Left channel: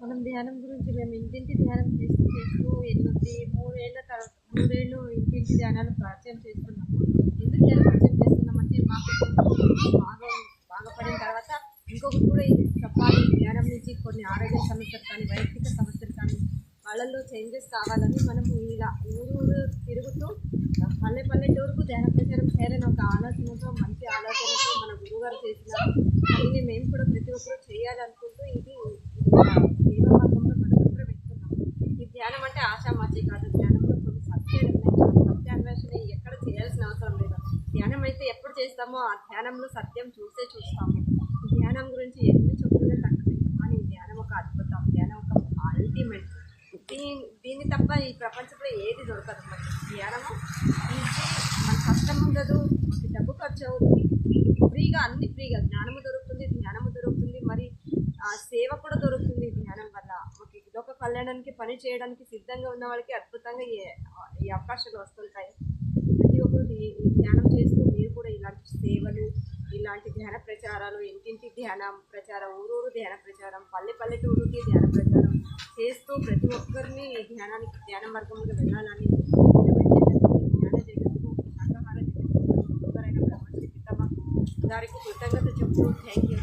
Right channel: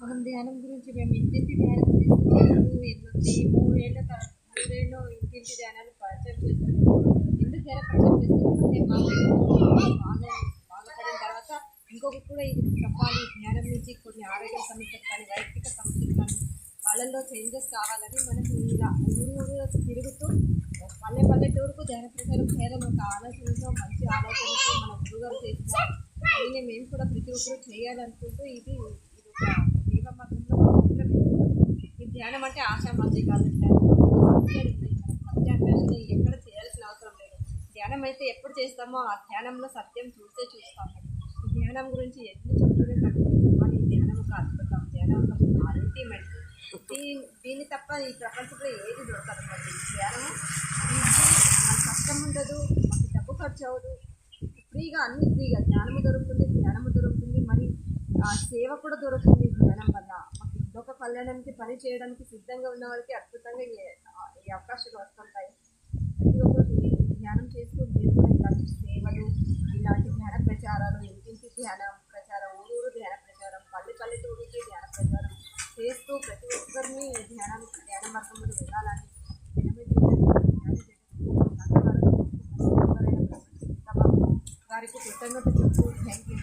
మనం ధ్యానం గురించి మేము ఇంటింటి ధ్యానం చేస్తూ 3 ఏళ్ళు ఇంటింటి ధ్యానాలు పరిచయం చేస్తున్నాము. ఎందుకు ధ్యానం పరిచయం చేస్తున్నామంటే బాగా బాగుపడిన తర్వాత ఇంకొకటి కూడా ఇది చెప్పాలి. ధ్యానం నుంచి కొన్ని ఆరోగ్య సమస్యలు కానీ వైయక్తిక సమస్యలు కానీ వాళ్ళల్లో చేంజెస్ కావాలని మనము ఇలా ఊరు తిరుగుతూ పల్లెటూరుకు ధ్యాన ప్రచారం చేయాలని ఒక ఆలోచనతో మంచి ఆలోచనతో మన గురువుగారు చేసిన దీన్ని మేము కూడా ప్రతి ఒక్కరూ చేయాలనుకుంటూ ఇది సేవా మార్గంలో మనం వెళ్తున్నాం. ఈ ధ్యానం అంటే ఆషామాషి కాదు. ధ్యానం సత్యాన్వేషణ ఎక్కడ చేయాల్సిన అవసరం లేదు. ధ్యానం అయితే ఎప్పుడు చేస్తామో ఆ ధ్యానంలో సత్యం చూస్తాము. ధ్యానం గురించి ఎన్ని చెప్పుకునే తక్కువ, కానీ ధ్యానం ఒక అద్భుతం. ధ్యానం ఒక అల్టిమేట్. దీన్ని తప్ప ఈ ప్రపంచంలో ఏది దొరకదు. ధ్యానము ఈజీ, మన కష్టం ఉండదు, మాకు డబ్బు ఖర్చు అవ్వదు, ఫ్రీగా అన్ని ఫ్రీగా ధ్యానము దొరుకుతుంది. మరి ఆ సేవ కూడా దొరుకుతుంది. ధ్యానం వల్ల మాకు ఇదొక కళ్యాణానికి పని చేయడానికి సిద్ధంగా ఉన్న వాళ్ళకి అద్భుతంగా ఈ అవకాశాలు వస్తుంటాయి. ప్రతి ఒక్కరు ధ్యానం చేస్తూ మీరు కూడా ఇలాంటి సేవలు, ఇలాంటి ధ్యాన ప్రచారాలు, ఇంటింటి ధ్యాన ప్రచారం, ఊరూరు ధ్యాన ప్రచారం, పల్లెటూరుకి ధ్యాన ప్రచారం చేస్తూ ప్రతి ఒక్కరిని ధ్యాన మార్గంలో వెళ్ళాలని ధ్యాన జగత్తు గారికి కృతజ్ఞత చెప్తూ థ్యాంక్ యూ.